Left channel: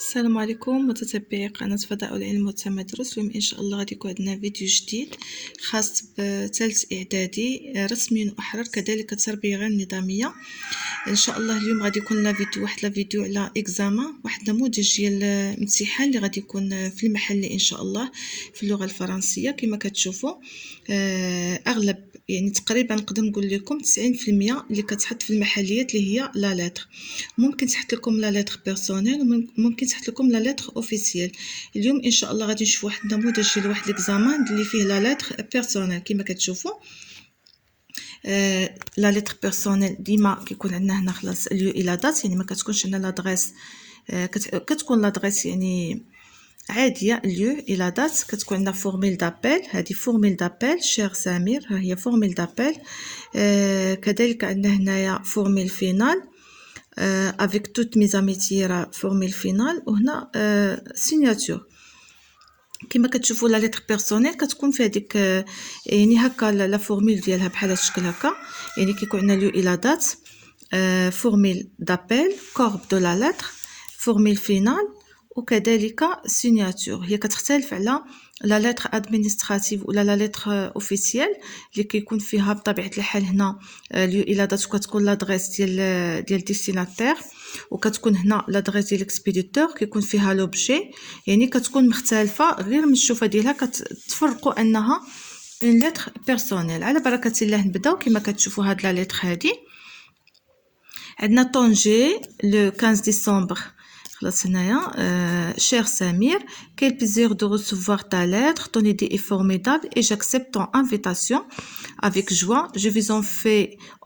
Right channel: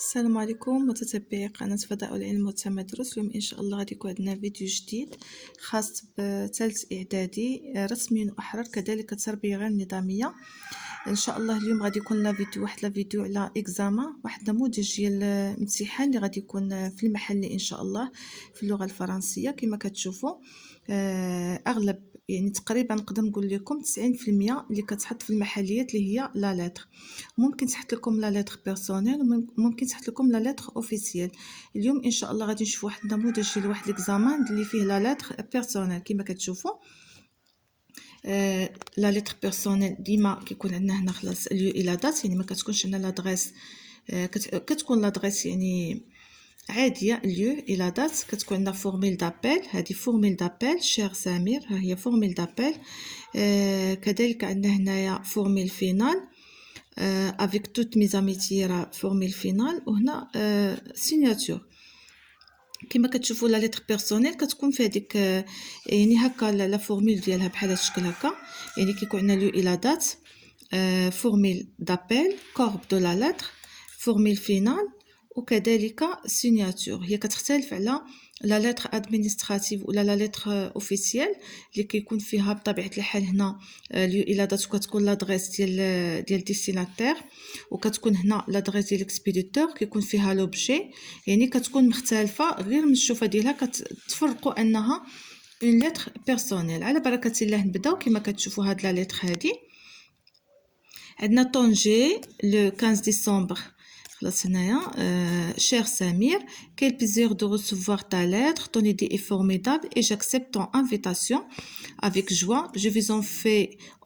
السلام عليكم متتبعي قناة فضاء العلم والتمدرس. اليوم ان شاء الله غادي يكون عندنا فيديو جديد خاص بثالث اعدادي رسمي واحرار كذلك التربيه غير النظاميه. ان شاء الله اليوم غادي يكون لنا فيديو على اكزامان، واحد نموذج ديال الامتحان اللي غادي يكون في المحل ان شاء الله في اللغه الفرنسيه. كما كتشوفوا اغلب يعني تقريبا نقدر نقول لكم 90% اللي كتحط في المحليات اللي هي لا لتر. ممكن تحط لكم لا لتر بيرسونيل وممكن تحط لكم لا لتر اوفيسيال. اليوم ان شاء الله غادي نشوف واحد النموذج ديال واحد ليكزامان اللي فيه لا لتر بيرسونيل. كما كتشوفوا لا لتر بيرسونيل ديما كيكون عندنا هنا خلاص اليو الى دات، يعني ما كتكونش عندنا لادريس، كتكون لادريس يعني عاديه اليو الى دات. كتكون عندنا فورميل دابيل، هذه فورميل دابيل شير سمير، ها هي فورميل دابيل. كذلك عندنا هنايا فورميل فينال avec toutes mes amitiés راه فورميل فينال، وهنا سيناتور. كما كتشوفوا لا لتر بيرسونيل كتكون في هذيك يعني هكا لا فورميل ديالها بحال هذا الشكل هكا، يعني كيكون عندنا لو الى دات، فورميل دابيل، كورب دو لا لتر، فورميل فينال، وكذلك سيناتور. هي كتختلف على لا لتر ادمينستراتيف ولا لا لتر اوفيسيال اللي كيكون فيها بطبيعه الحال هنا لو الى دات، وكتكون لادريس ديال ديستيناتير، وكتكون هنا لادريس ديال الاكسبيديتور كيكون فيها لوبجي. يعني كتكون مختلفه غير من الشوفه ديالها كتفرقوا انها اون لتر بيرسونيل. على بركه الله نبداو. كما كتشوفوا هاد لا لتر هادي عندنا طونجي لو 15 ديسمبر. خلاص هنايا cher Samir, quel plaisir de recevoir ta lettre, ton idée est formidable et j'accepte ton invitation avec joie. Je vais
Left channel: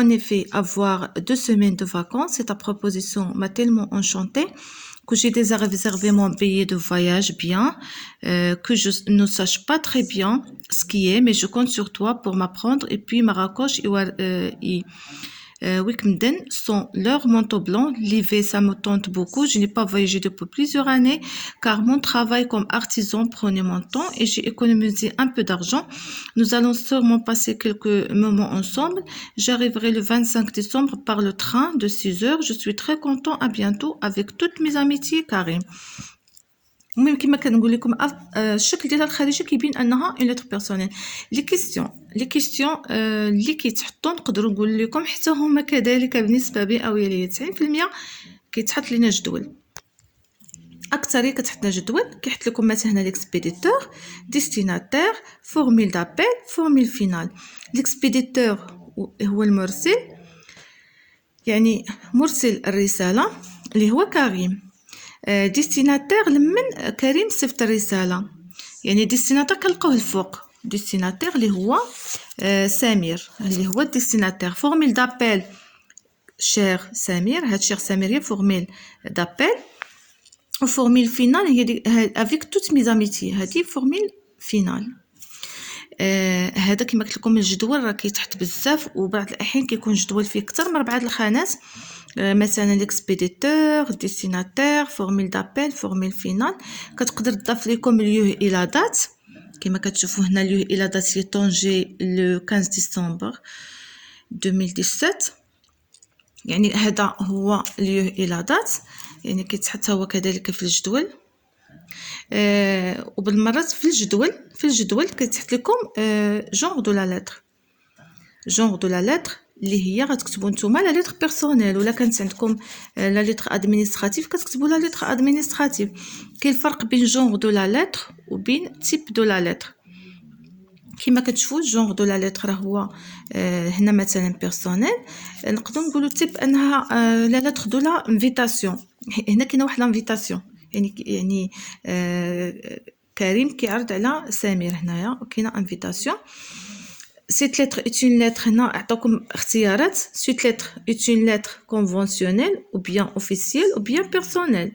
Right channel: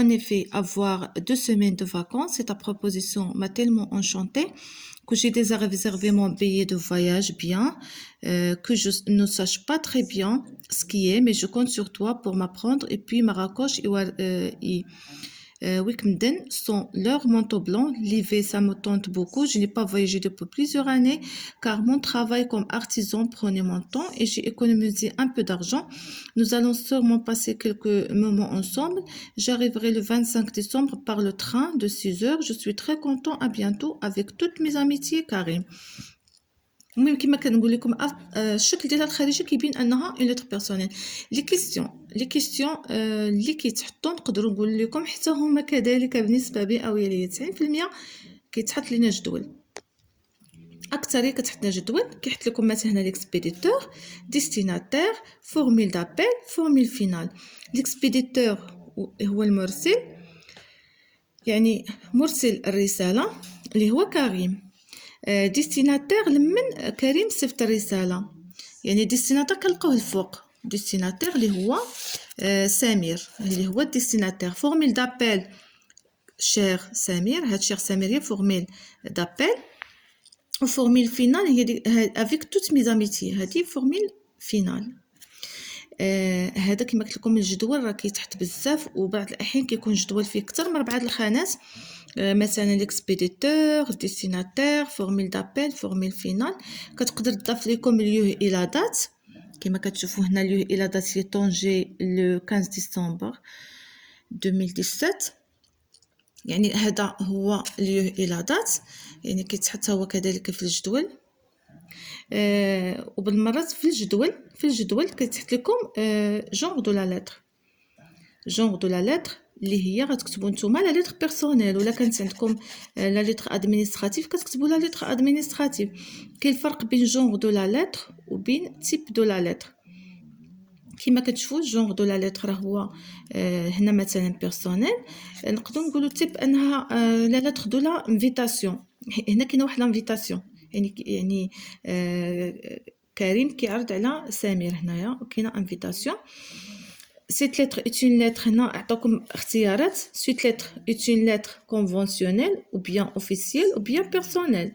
en effet avoir 2 semaines de vacances et ta proposition m'a tellement enchantée que j'ai déjà réservé mon billet de voyage bien, que je ne sache pas très bien ce qui est, mais je compte sur toi pour m'apprendre. Et puis Marrakech et Wikmeden sont leurs manteaux blancs. L'hiver, ça me tente beaucoup. Je n'ai pas voyagé depuis plusieurs années car mon travail comme artisan prenait mon temps et j'ai économisé un peu d'argent. Nous allons sûrement passer quelques moments ensemble. J'arriverai le 25 décembre par le train de 6 heures. Je suis très content. À bientôt avec toutes mes amitiés, Karim. المهم كما كنقول لكم الشكل ديال الخارجي كيبين انها اون لتر بيرسونيل. لي كيستيون اللي كيتحطوا نقدروا نقول لكم حتى هما كذلك بنسبه مئويه 90% كيتحط لنا جدول. اكثريه كتحط لنا جدول كيحط لكم مثلا هنا ليكسبيديتور، ديستيناتير، فورميل دابيل، فورميل فينال. ليكسبيديتور هو المرسل، يعني مرسل الرساله اللي هو كريم. ديستيناتير لمن كريم صيفط الرساله، يعني ديستيناتير كنلقاوه الفوق، ديستيناتير اللي هو سمير اللي هو ديستيناتير. فورميل دابيل شير سمير، هاد شير سمير هي فورميل دابيل، وفورميل فينال هي افيك توت مي زاميتي، هادي فورميل فينال. هذا كما قلت لكم الجدول راه كيتحط بزاف، وبعض الاحيان كيكون جدول فيه اكثر من 4 الخانات، مثلا ليكسبيديتور، ديستيناتير، فورميل دابيل، فورميل فينال. كتقدر تضاف لكم اليو الى دات كما كتشوفوا هنا. اليو الى دات هي طونجي لو 15 ديسمبر 2017، يعني هذا هو اليو الى دات، يعني كيتحط هو كذلك في الجدول. وبالمرات في الجدول كتحط لكم جونغ دو لا لتر، جونغ دو لا لتر اللي هي غتكتبوا نتوما لا لتر بيرسونيل، ولا كانت عندكم لا لتر ادمينستراتيف كتكتبوا لا لتر ادمينستراتيف. كاين الفرق بين جونغ دو لا لتر وبين تيب دو لا لتر. كما كتشوفوا جونغ دو لا لتر راه هو هنا مثلا بيرسونيل، نقدروا نقولوا تيب انها لا لتر دو لا انفيتاسيون. هنا كاينه واحد لانفيتاسيون، يعني كريم كيعرض على سمير هنايا، وكاينه انفيتاسيون. Cette lettre est une lettre, هنا عطاكم اختيارات. Cette lettre est une lettre conventionnelle ou bien officielle ou bien personnelle.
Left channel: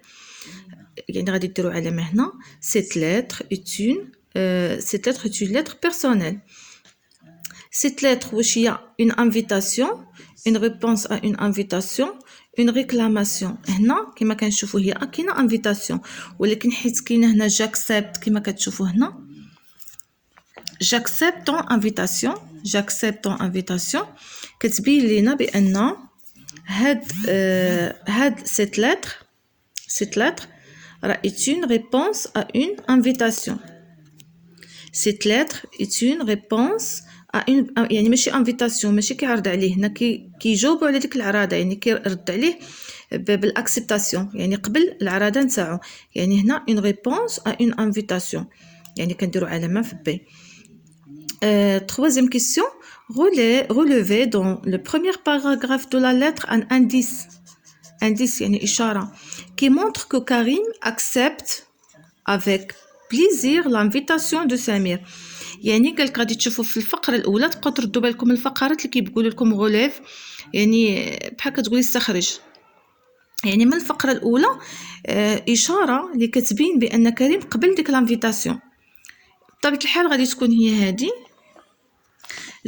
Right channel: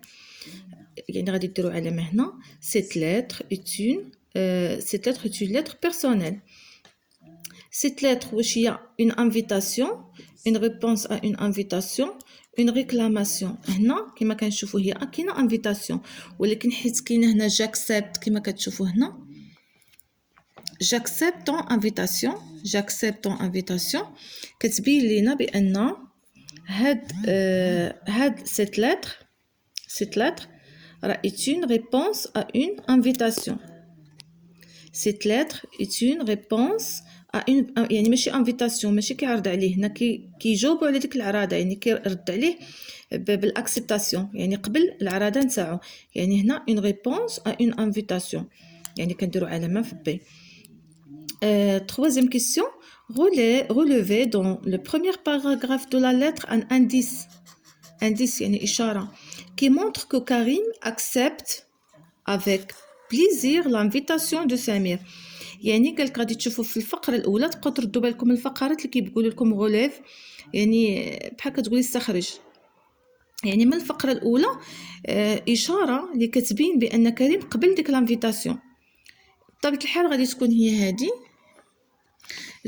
يعني غادي ديروا علامة هنا. Cette lettre est une lettre personnelle. Cette lettre واش هي une invitation, une réponse à une invitation, une réclamation. هنا كما كنشوفوا هي كاينه invitation، ولكن حيت كاينه هنا j'accepte كما كتشوفوا هنا j'accepte ton invitation كتبين لينا بان هاد cette lettre راه est une réponse à une invitation. Cette lettre est une réponse à une يعني ماشي invitation ماشي كيعرض عليه هنا كيجاوبوا على ديك العراضه يعني كيرد عليه بالاكسبتاسيون يعني قبل العراضه نتاعو يعني هنا une réponse à une invitation يعني كنديروا علامه في بي. Troisième question, relevez dans le premier paragraphe de la lettre un indice يعني إشارة qui montre que Karim accepte avec plaisir l'invitation de Samir. يعني قالك غادي تشوفوا في الفقرة الأولى تبقاو تردوا بالكم الفقرات اللي كيقولوا لكم غوليف يعني بحال كتقولي استخرج يعني من الفقرة الأولى إشارة اللي كتبين بأن كريم قبل ديك الانفيتاسيون. بطبيعة الحال غادي تكون هي هادي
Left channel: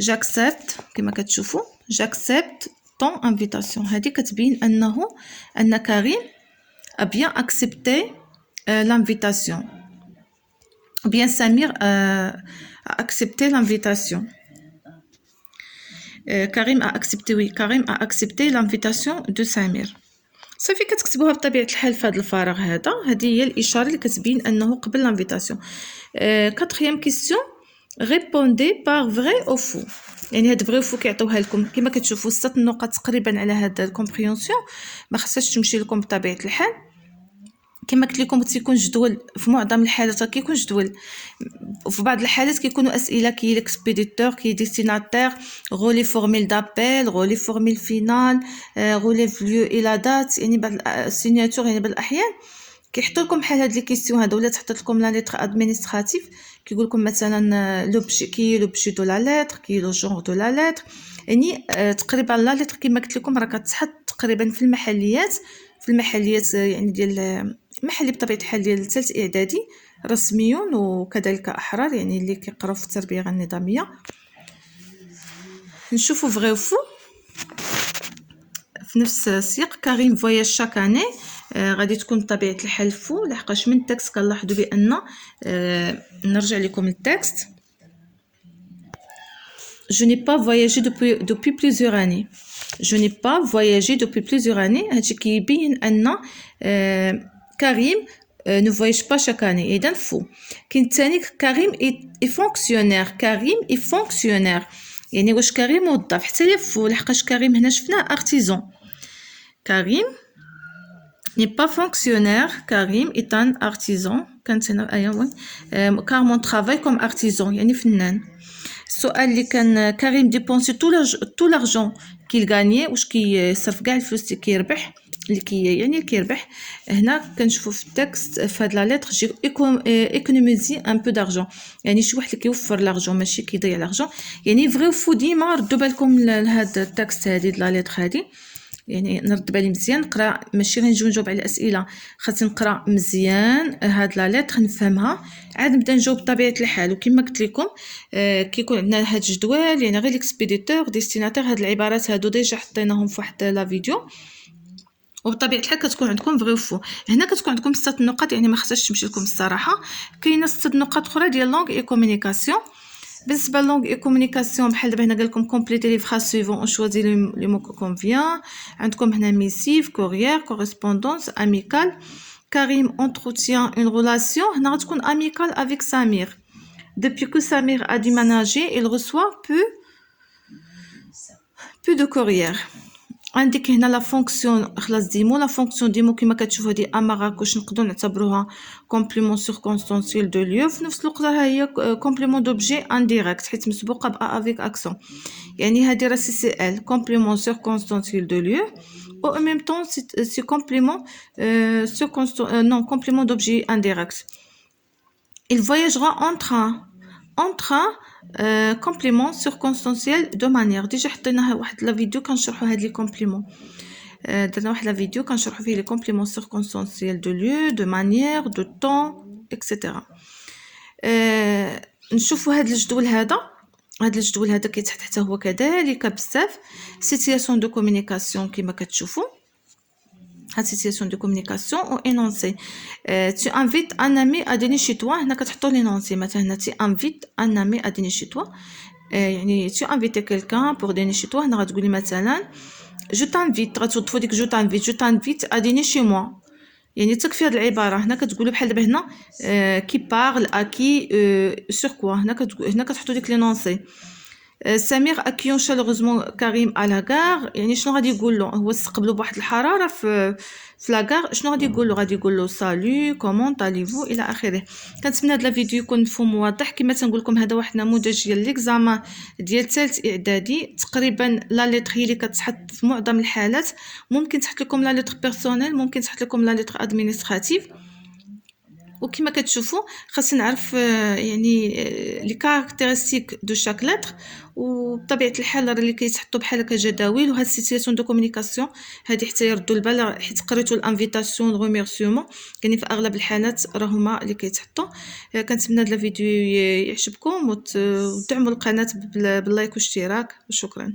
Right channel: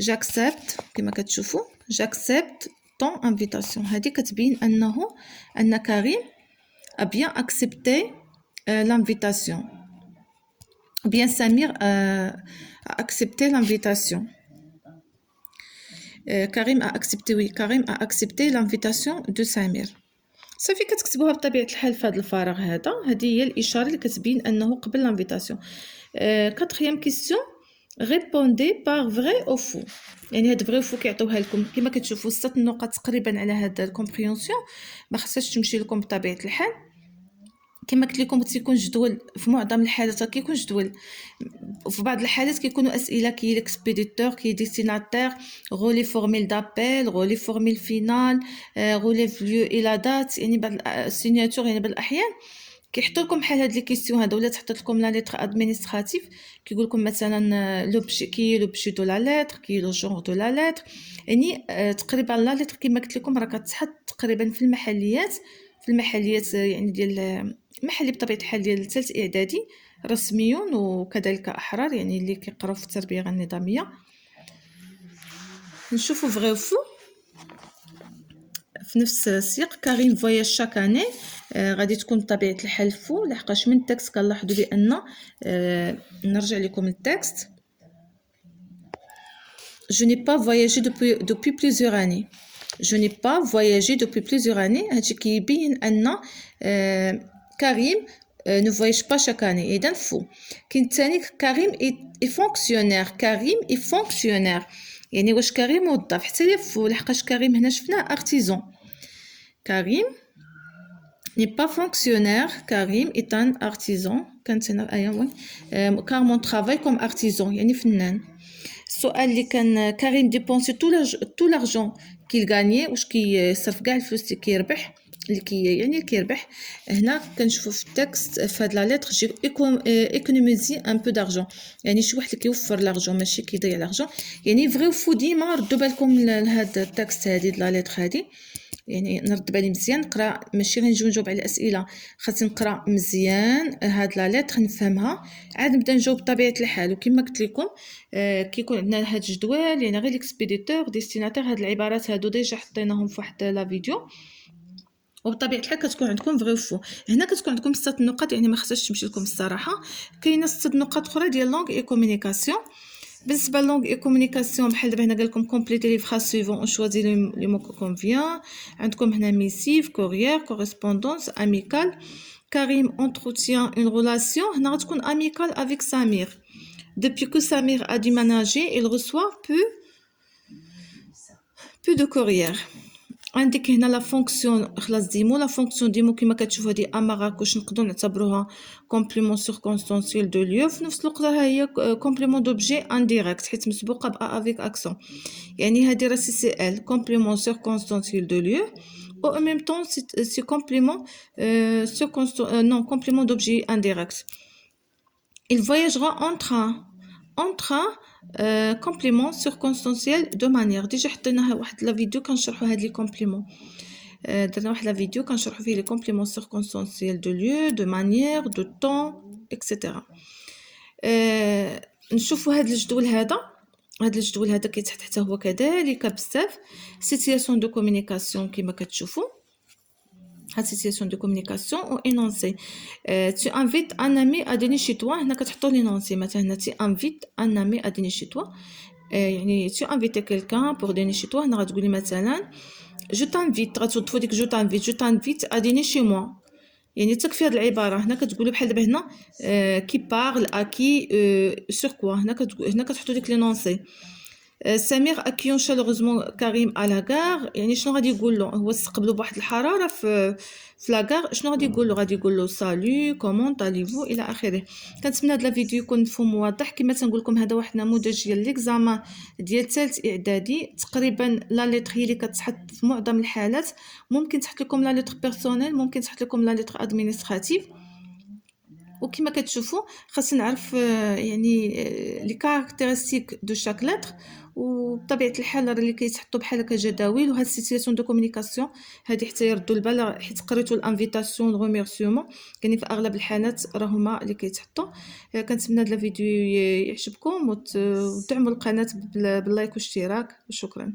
j'accepte كما كتشوفوا j'accepte ton invitation هذه كتبين أن كريم a bien accepté l'invitation ou bien Samir a accepté l'invitation. Karim a accepté l'invitation de Samir. صافي كتكتبوها بطبيعة الحال في هذا الفراغ هذا هذه هي الإشارة اللي كتبين أنه قبل l'invitation. Quatrième question, répondez par vrai ou faux. يعني هاد vrai ou faux كيعطيوها لكم كما كتشوفوا 6 نقط تقريبا على هاد الكومبريونسيون ما خصهاش تمشي لكم بطبيعة الحال. كما قلت لكم تيكون جدول في معظم الحالات كيكون جدول وفي بعض الحالات كيكونوا اسئله كي ليكسبيديتور كي ديستيناتير غولي فورميل دابيل غولي فورميل فينال غولي فليو الى دات يعني بعض السيناتور يعني بعض الاحيان كيحطوا لكم بحال هاد لي كيسيون هذا ولا تحط لكم لا ليتر ادمينستراتيف كيقول لكم مثلا لوبجي كي لوبجي دو لا ليتر كي لو جونغ دو لا ليتر يعني تقريبا لا ليتر كما قلت لكم راه كتحط تقريبا في المحليات يعني ديال محلي بطبيعه الحال ديال الثالث اعدادي رسميون وكذلك احرار يعني اللي كيقراو في التربيه النظاميه. نشوفوا فغي وفو في نفس السياق كريم فواياج شاك اني غادي تكون بطبيعه الحال فو لحقاش من التكست كنلاحظوا بان نرجع لكم للتكست je n'ai pas voyagé depuis plusieurs années. Je n'ai pas voyagé depuis plusieurs années. هادشي كيبين ان كريم ne voyage pas chaque année. إذن فو. كاين الثاني كريم est fonctionnaire. كريم est fonctionnaire. يعني واش كريم موظف حتى هي فو لحقاش كريم هنا شفناه artisan. كريم n'est pas fonctionnaire. Karim est un artisan. كانت هنا أيوة car mon travail comme artisan يعني فنان. السؤال اللي كان كريم ديبونسي tout l'argent qu'il gagnait واش كيصرف كاع الفلوس اللي كيربح اللي كيربح هنا كنشوفوا في التكست في هاد لا ليتر جي ايكونوميزي ان بو دارجون يعني شي واحد اللي كيوفر لارجون ماشي كيضيع لارجون يعني فري فو ديما ردوا بالكم لهاد التكست هادي لا ليتر هادي يعني نرد بالي مزيان نقرا ماشي غير نجاوب على الاسئله خاصني نقرا مزيان هاد لا ليتر نفهمها عاد نبدا نجاوب بطبيعه الحال وكما قلت لكم كيكون عندنا هاد الجدول يعني غير ليكسبيديتور ديستيناتير هاد العبارات هادو ديجا حطيناهم في واحد لا فيديو وبطبيعه الحال كتكون عندكم فغي وفو هنا كتكون عندكم 6 نقط يعني ما خصهاش تمشي لكم الصراحه كاينه 6 نقط اخرى ديال لونغ اي كومونيكاسيون بالنسبه لونغ اي كومونيكاسيون بحال دابا هنا قال لكم كومبليتي لي فراز سويفون او شوازي لي مو كونفيان عندكم هنا ميسيف كوريير كوريسبوندونس اميكال كريم entretient une relation هنا غتكون اميكال افيك سمير depuis que Samir a déménagé il reçoit peu de courrier عندك هنا لا فونكسيون خلاص ديمو لا فونكسيون ديمو كما كتشوفوا هذه اماراك واش نقدروا نعتبروها كومبليمون سيركونستانسيال دو ليو في نفس الوقت راه هي كومبليمون دوبجي انديريكت حيت مسبوقه با افيك اكسون يعني هذه راه سي سي ال كومبليمون سيركونستانسيال دو ليو او en même temps c'est complément non complément d'objet indirect. Il voyagera en train complément circonstanciel de manière déjà حطيناها واحد لا فيديو كنشرحوا هاد لي كومبليمون درنا واحد لا فيديو كنشرحوا فيه لي كومبليمون circonstanciel de lieu de manière de temps etc. نشوفوا هاد الجدول هذا كيتحط حتى هو كذلك بزاف سيتياسيون دو كومونيكاسيون كما كتشوفوا هاد سيتياسيون دو كومونيكاسيون او انونسي tu invites un ami à dîner chez toi هنا كتحطوا لينونسي مثلا هنا tu invites un ami à dîner chez toi يعني tu invites quelqu'un pour dîner chez toi هنا غتقولي مثلا je t'invite غتوظفوا ديك je t'invite à dîner chez moi يعني تكفي هاد العباره هنا كتقولوا بحال دابا هنا كي بارل اكي سور كوا هنا كتحطوا ديك لي نونسي سمير اكيون شالوغوزمون كريم على كار يعني شنو غادي يقول له هو استقبلوا بواحد الحراره في لاكار شنو غادي يقول له سالو كومون طاليفو الى اخره. كنتمنى هذا الفيديو يكون مفهوم واضح. كما تنقول لكم هذا واحد النموذج ديال ليكزامان ديال ثالث اعدادي تقريبا لا ليتر هي اللي كتحط في معظم الحالات. ممكن تحط لكم لا ليتر بيرسونيل ممكن تحط لكم لا ليتر ادمينستراتيف. وكما كتشوفوا خاصنا نعرف يعني لي كاركتيرستيك دو شاك لتر وبطبيعه الحال اللي كيتحطوا بحال هكا جداول وهاد سيتياسيون دو كومونيكاسيون هادي حتى يردوا البال حيت قريتوا الانفيتاسيون ريميرسيومون يعني في اغلب الحالات راه هما اللي كيتحطوا. كنتمنى هذا الفيديو يعجبكم وتدعموا القناه باللايك والاشتراك وشكرا.